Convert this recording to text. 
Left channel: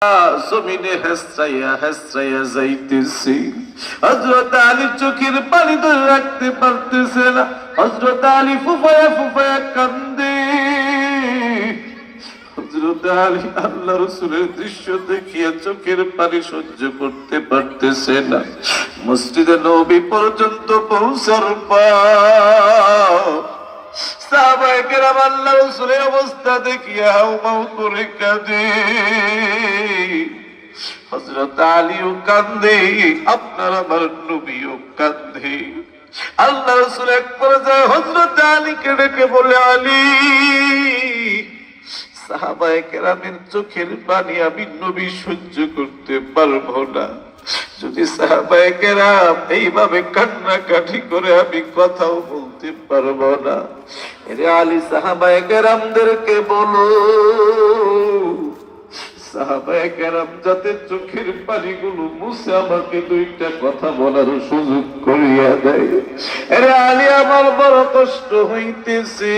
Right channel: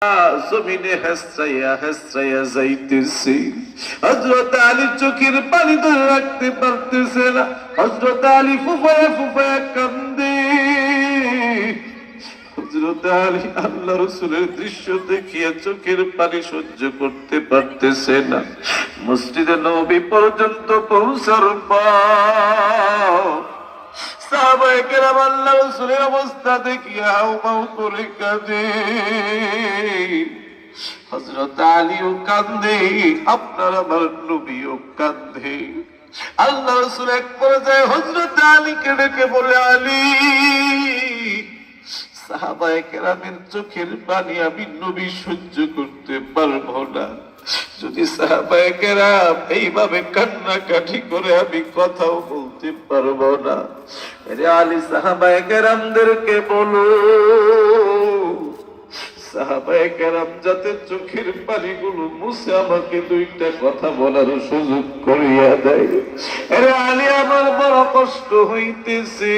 জমিনে হেসরাইয়া হেসরাইয়া যাইতেছে। হযরত আলী চোখের পানি ধরে রাখতে পারতেছে না। হযরত আলী ফুফায়া ফুফায়া কান্দে। হযরত আলী আল্লাহ রাসূলের দৃশ্য দেখিয়া চোখের পানি সহ্য করতে পারতেছে না। মসজিদে নববী পর্যন্ত পৌঁছার পর সাহাবায়ে কেরাম আল্লাহ রাসূলের অবস্থা দেখিয়া হাউমাউ করে কাঁদে। হযরত আলীও কাঁদে, আপনার আমার নবীও কাঁদে। আল্লাহ রাসূল এক পর্যায়ে হযরত আলীকে ডেকে বলে, আলী, সাহাবায়ে কেরামের চোখের পানি আমি নবী সহ্য করতে পারবো না। যদি সাহাবায়ে কেরাম এইভাবে কান্নাকাটি করে আমি কথাও বলতে পারবো না। আরে আলী, সাহাবায়ে কেরামদেরকে বলো সাহাবায়ে কেরাম যাতে চোখের পানিগুলো মুছে আমাকে দুইটা কথা বলার সুযোগ করিয়া দেয়। আরে আলী, আমার বড় কষ্ট হইতেছে।